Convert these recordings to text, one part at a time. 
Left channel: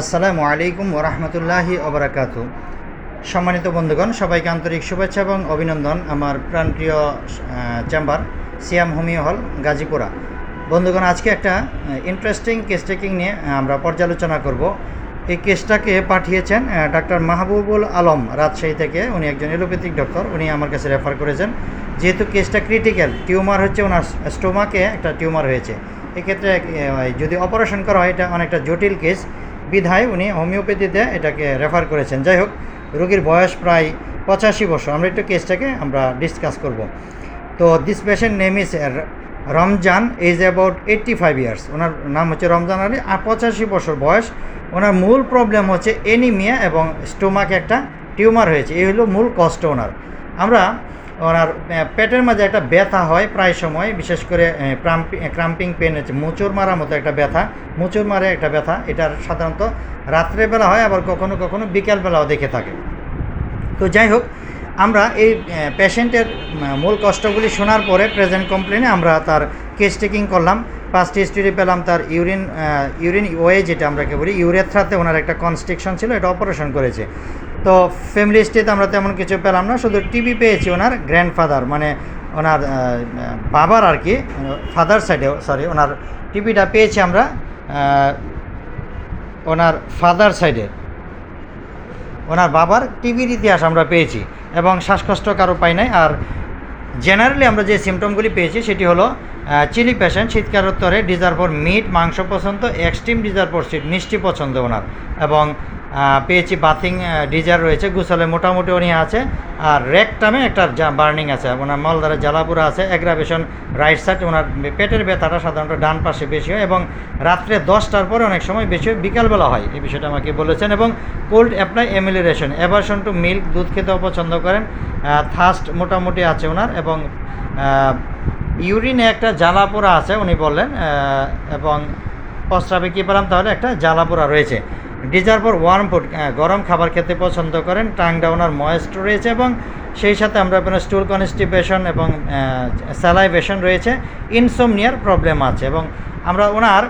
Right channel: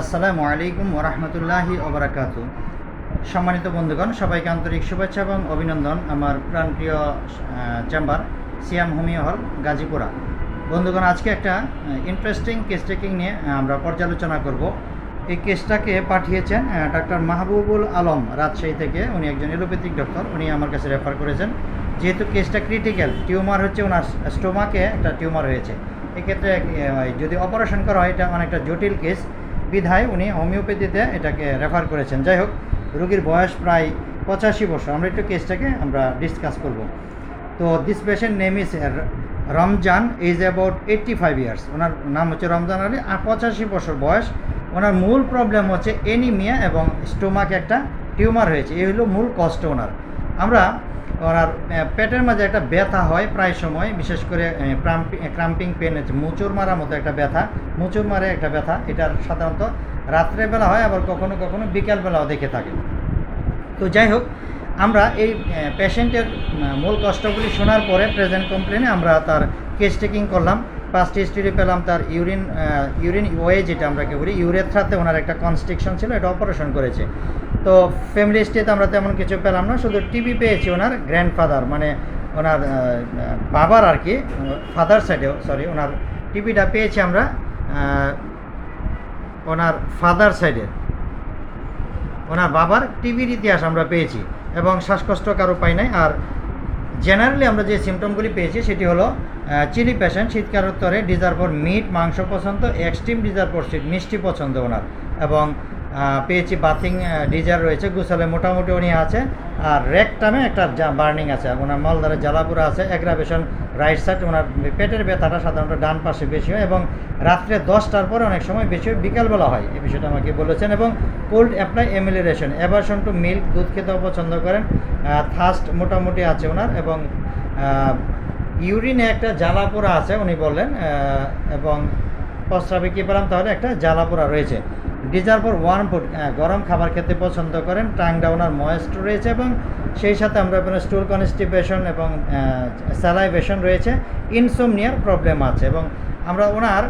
আসসালামু আলাইকুম ওরহমতুল্লাহি ওবরাকাতু। সম্মানিত বন্ধুগণ, সবাইকে আন্তরিক শুভেচ্ছা এবং অভিনন্দন আমার প্রাণপ্রিয় চেম্বার সিয়াম হোমিও হল গাজীপুরা। বন্ধুগণ, আজকে একটা ইন্টারেস্টিং কেস টেকিং নিয়ে আমরা পর্যালোচনা করব। এই কেসটাকে পাঠিয়েছেন ডাক্তার মাহবুবুল আলম রাজশাহী থেকে। উনি একজন এলোপ্যাথিক ডক্টর, উনি আমার কাছে রেফার করেছেন। যেহেতু কেসটা ক্রিটিক্যাল, টিউমার হচ্ছে ওনার স্টোমাকে একটা টিউমার হয়েছে। এক্ষেত্রে যদি অপারেশন করা হয় এটা অনেকটা জটিল কেস, বিধায় উনি হোমিওপ্যাথিতে এটাকে রেফার করেছেন। যাই হোক, রোগীর বয়স প্রায় 85 বছর। আমরা একটু কেসটাকে আমরা ডিসকাস করব। তো this patient name is Ramzan, age about 85 years. ওনার নাম হচ্ছে রমজান আলী, আর 85 বছর বয়স। ওনার মূল প্রবলেম হচ্ছে এনিমিয়া এবং স্টোমাকে একটা টিউমার হয়েছে। এই হলো মূল কষ্ট ওনার। আমরা ওনার পেটের মাঝে একটা ব্যথা হয় প্রায় সময়, বিশেষ করে ক্রাম্পিং পেন হচ্ছে, মোচড় মারার মতো একটা ব্যথা, মোচড় মারে একটা ব্যথা। এটার সাধারণত রাত্রেবেলা হয়, আবার কখনো কখনো বিকেলবেলাও দেখে থাকে। তো যাই হোক, আমরা এই পেশেন্টের মূল কষ্টগুলি শোনার পরে প্রেজেন্ট কমপ্লেনে আমরা তার কেস টেকিং করলাম। ফার্স্ট হিস্ট্রি পেলাম তার ইউরিন ওয়ে, যেটা আমরা বলি ইউরেথ্রাতে ওনার একটা কনস্ট্রিকশন ছিল, এটা অপারেশন করেছে। তো ফ্যামিলি হিস্ট্রিতে আমরা তেমন কিছু পেলাম না, শুধু টিবি পেয়েছি ওনার গ্র্যান্ডফাদার, মানে ওনার বাবার আর কি, ফাদার সাইডে, সরি, ওনার টিবিটা পেয়েছি আমরা ওনার ফাদার সাইডে, ওনার বাবার টিবির ইতিহাস আমরা পেয়েছি, এবং শ্বাসকষ্ট কারো পাই নাই। আর জেনারেলি আমরা যে সিমটমগুলি পেয়েছি সেটি হলো চিলি পেশেন্ট, শীতকাল উত্তরে ডিজার ফর মিট, মাংস পছন্দ, এক্সট্রিম ডিজার ফর সুইট, মিষ্টি পছন্দ ওনার, এবং পেয়েছি বাথিং ডিজার রয়েছে, গুছালে মোটামুটি উনি আছে। আর রেকটামে একটা বার্নিং আছে, ওনার মলদারে জ্বালাপুরা আছে, অ্যাগ্রাভেশন রাইট সাইড। ওনার পেটের ব্যথাটা সাধারণত ডান পাশে বেশি হয়, এবং রাত্রে 10টার পরে অনেক সময় বেশি হয়, বিকালবেলা হয়, এই বিষয়টা আমাকে বলেছেন। এবং cold apply amelioration, aversion to milk, দুধ খেতেও পছন্দ করেন। থার্স্ট মোটামুটি আছে ওনার, এবং ইউরিনে একটা জ্বালাপোড়া আছে উনি বললেন, এবং প্রস্রাবে কী পেলাম তাহলে একটা জ্বালাপোড়া রয়েছে। ডিজার ফর ওয়ার্ম ফুড, গরম খাবার খেতে পছন্দ করেন। টাং ডাউনার ময়েস্ট রয়েছে, এবং সেই সাথে আমরা স্টুল কনস্টিপেশন এবং স্যালাইভেশন রয়েছে। ইনসোমনিয়ার প্রবলেম আছে, এবং আমরা ওনার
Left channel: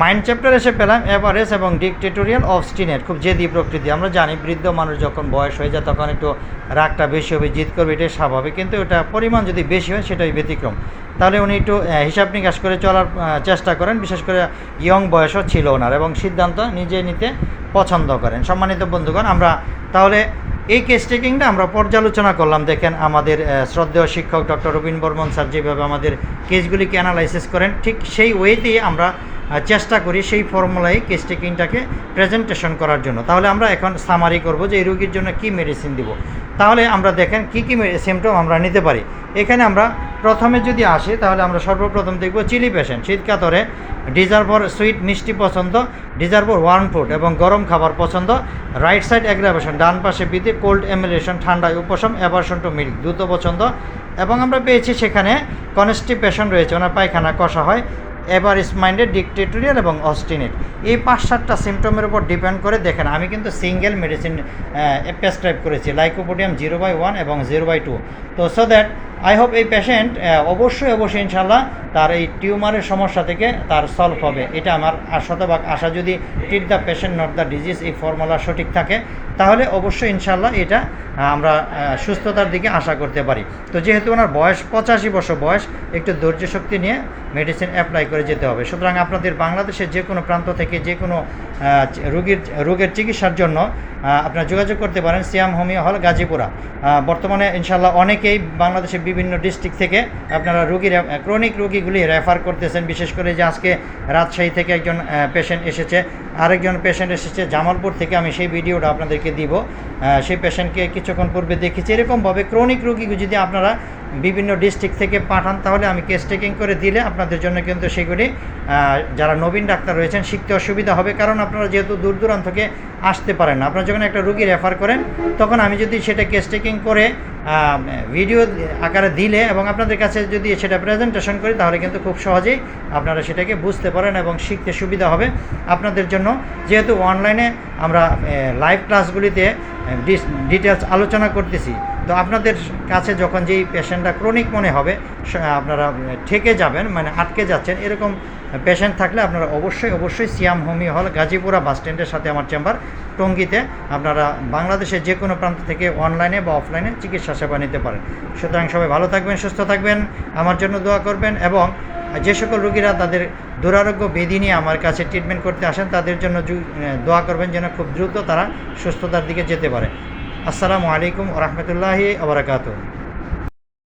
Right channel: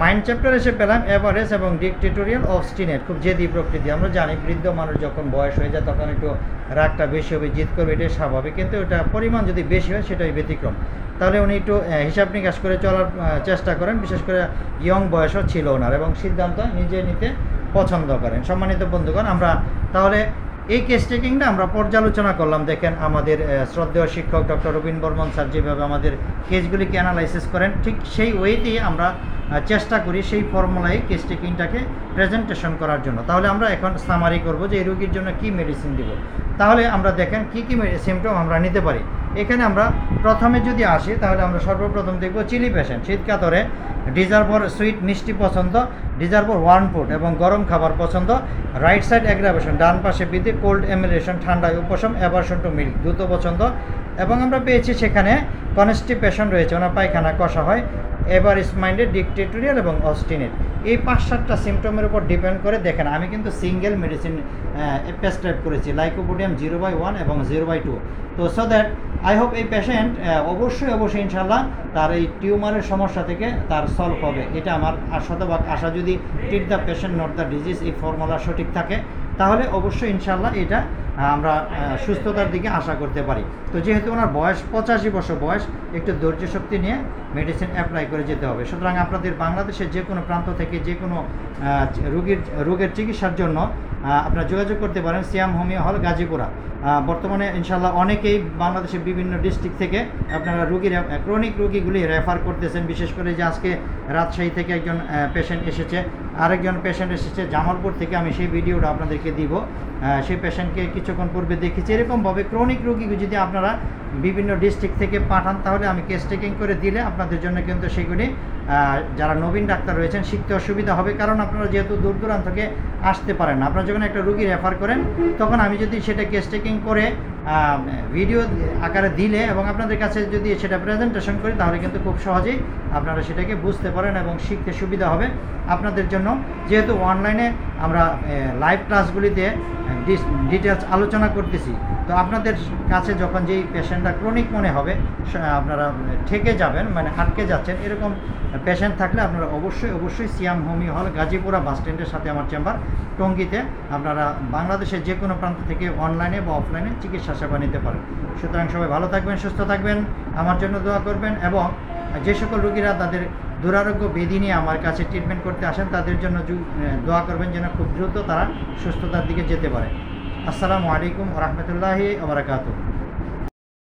মাইন্ড চ্যাপ্টার এসে পেলাম অ্যাভারেজ এবং ডিকটেটোরিয়াল অবস্টিনেট, খুব জেদি প্রকৃতি। আমরা জানি বৃদ্ধ মানুষ যখন বয়স হয়ে যায় তখন একটু রাগটা বেশি হবে, জিদ করবে, এটাই স্বাভাবিক, কিন্তু ওটা পরিমাণ যদি বেশি হয় সেটাই ব্যতিক্রম। তাহলে উনি একটু হিসাব নিকাশ করে চলার চেষ্টা করেন, বিশেষ করে ইয়ং বয়সও ছিল ওনার, এবং সিদ্ধান্ত নিজে নিতে পছন্দ করেন। সম্মানিত বন্ধুগণ, আমরা তাহলে এই কেস টেকিংটা আমরা পর্যালোচনা করলাম। দেখেন, আমাদের শ্রদ্ধেয় শিক্ষক ডক্টর রবীন বর্মন স্যার যেভাবে আমাদের কেসগুলিকে অ্যানালাইসিস করেন, ঠিক সেই ওয়েতেই আমরা চেষ্টা করি সেই ফর্মুলায় কেস টেকিংটাকে প্রেজেন্টেশন করার জন্য। তাহলে আমরা এখন সামারি করব যে এই রোগীর জন্য কী মেডিসিন দিব। তাহলে আমরা দেখেন কী কী সিমটম আমরা নিতে পারি। এখানে আমরা প্রথমে যদি আসি তাহলে আমরা সর্বপ্রথম দেখব চিলি পেশেন্ট, শীতকাতরে, ডিজার ফর সুইট, মিষ্টি পছন্দ, ডিজার ফর ওয়ার্ম ফুড এবং গরম খাবার পছন্দ, রাইট সাইড অ্যাগ্রাভেশন, ডান পাশে বৃদ্ধি, কোল্ড এমিলেশন, ঠান্ডায় উপশম, অ্যাভারশন টু মিল্ক, দ্রুত পছন্দ, এবং আমরা পেয়েছি সেখানে কনস্টিপেশন রয়েছে, ওনার পায়খানা কষা হয়, এভারেজ মাইন্ডেড, ডিকটেটোরিয়াল এবং অস্টিনেট। এই 5-7টা সিমটমের উপর ডিপেন্ড করে দেখেন আমি কিন্তু সিঙ্গেল মেডিসিন প্রেসক্রাইব করেছি, লাইকোপোডিয়াম 0/1 এবং 0/2। তো সো দ্যাট আই হোপ এই পেশেন্ট অবশ্যই ইনশাল্লাহ তার এই টিউমারের সমস্যা থেকে তার সলভ হবে। এটা আমার শতভাগ আশা। যদি treat the patient not the disease, এই ফর্মুলা সঠিক থাকে, তাহলে অবশ্যই ইনশাল্লাহ এটা আমরা সুস্থতার দিকে আশা করতে পারি। তো যেহেতু ওনার বয়স 85 বছর বয়স, একটু ধৈর্য শক্তি নিয়ে মেডিসিন অ্যাপ্লাই করে যেতে হবে। সুতরাং আপনাদের বাংলাদেশের যে কোনো প্রান্ত থেকে যে কোনো রোগের চিকিৎসার জন্য আপনারা যোগাযোগ করতে পারেন সিয়াম হোমিও হল গাজীপুরা। বর্তমানে ইনশাল্লাহ অনেকেই বাংলাদেশের বিভিন্ন ডিস্ট্রিক্ট থেকে আপনারা ক্রনিক রোগীগুলি রেফার করতেছেন। বিশেষ করে যে আজকে রাজশাহী থেকে একজন পেশেন্ট এসেছে, আরেকজন পেশেন্ট এসেছে জামালপুর থেকে, আমি সেই ভিডিওটা আপনাদেরকে দিব। সেই পেশেন্টকে কিছুক্ষণ পূর্বে দেখেছি। এরকমভাবে ক্রনিক রোগী যদি আপনারা বিভিন্ন ডিস্ট্রিক্ট থেকে পাঠান, তাহলে আমি কেস টেকিং করে দিলে আপনাদের জন্য কিন্তু সেগুলি যারা নবীন ডাক্তার রয়েছেন শিখতে অসুবিধা হবে। কারণ আপনারা যেহেতু দূর দূরান্ত থেকে আসতে পারেন না, আপনারা যখন একটা রোগী রেফার করেন তখন আমি যদি সেটা কেস টেকিং করে ভিডিও আকারে দিলে এবং আপনাদের কাছে যদি সেটা প্রেজেন্টেশন করি, তাহলে কিন্তু খুব সহজেই আপনারা সেটাকে বুঝতে পারেন এবং শিখতে সুবিধা হবে আপনাদের জন্য। যেহেতু অনলাইনে আমরা লাইভ ক্লাসগুলিতে ডিটেলস আলোচনা করতেছি, তো আপনাদের কাছে যখন যেই পেশেন্টটা ক্রনিক মনে হবে, আপনারা ঠেকে যাবেন, মানে আটকে যাচ্ছেন, এরকম পেশেন্ট থাকলে আপনারা অবশ্যই সিয়াম হোমিও হল, গাজীপুরা বাস স্ট্যান্ডের সাথে আমার চেম্বার, টঙ্গীতে। আপনারা বাংলাদেশের যে কোনো প্রান্ত থেকে অনলাইনে বা অফলাইনে চিকিৎসা সেবা নিতে পারেন। সুতরাং সবাই ভালো থাকবেন, সুস্থ থাকবেন, আমার জন্য দোয়া করবেন, এবং যে সকল রোগীরা তাদের দুরারোগ্য ব্যাধি নিয়ে আমার কাছে ট্রিটমেন্ট করতে আসেন তাদের জন্য দোয়া করবেন যেন খুব দ্রুত তারা সুস্থতার দিকে যেতে পারে। আসসালামু আলাইকুম ওয়া রাহমাতুল্লাহি ওয়া বারাকাতুহু।